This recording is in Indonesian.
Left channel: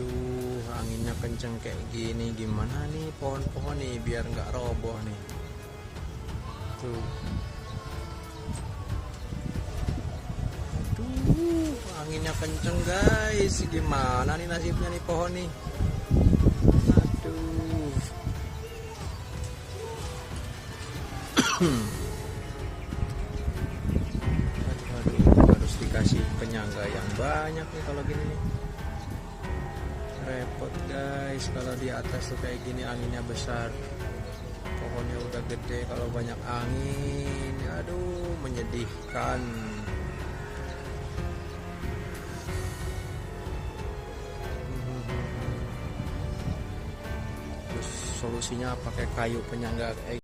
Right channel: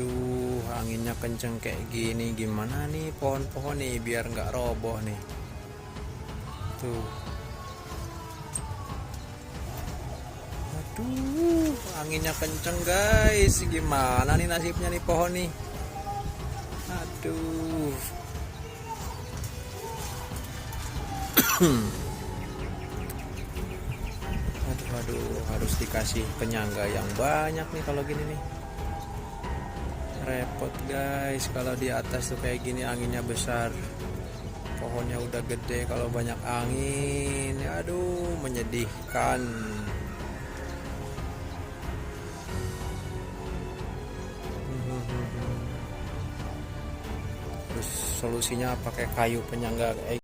Aduh, anginnya kenceng kayak gini, gimana nih pohon-pohon nih biar nggak roboh nih. Tuh. Aduh, anginnya kenceng guys. Gimana nih nasibnya nih pohon nih? Aduh. Aduh, harus dikasih penyangga yang banyak nih kalau gini nih. Repot guys kalau di atas tuh kayak gini anginnya besar. Pohonnya udah gede, kalau banyak angin, aduh menyedihkan. Terus solusinya pakai kayu penyangga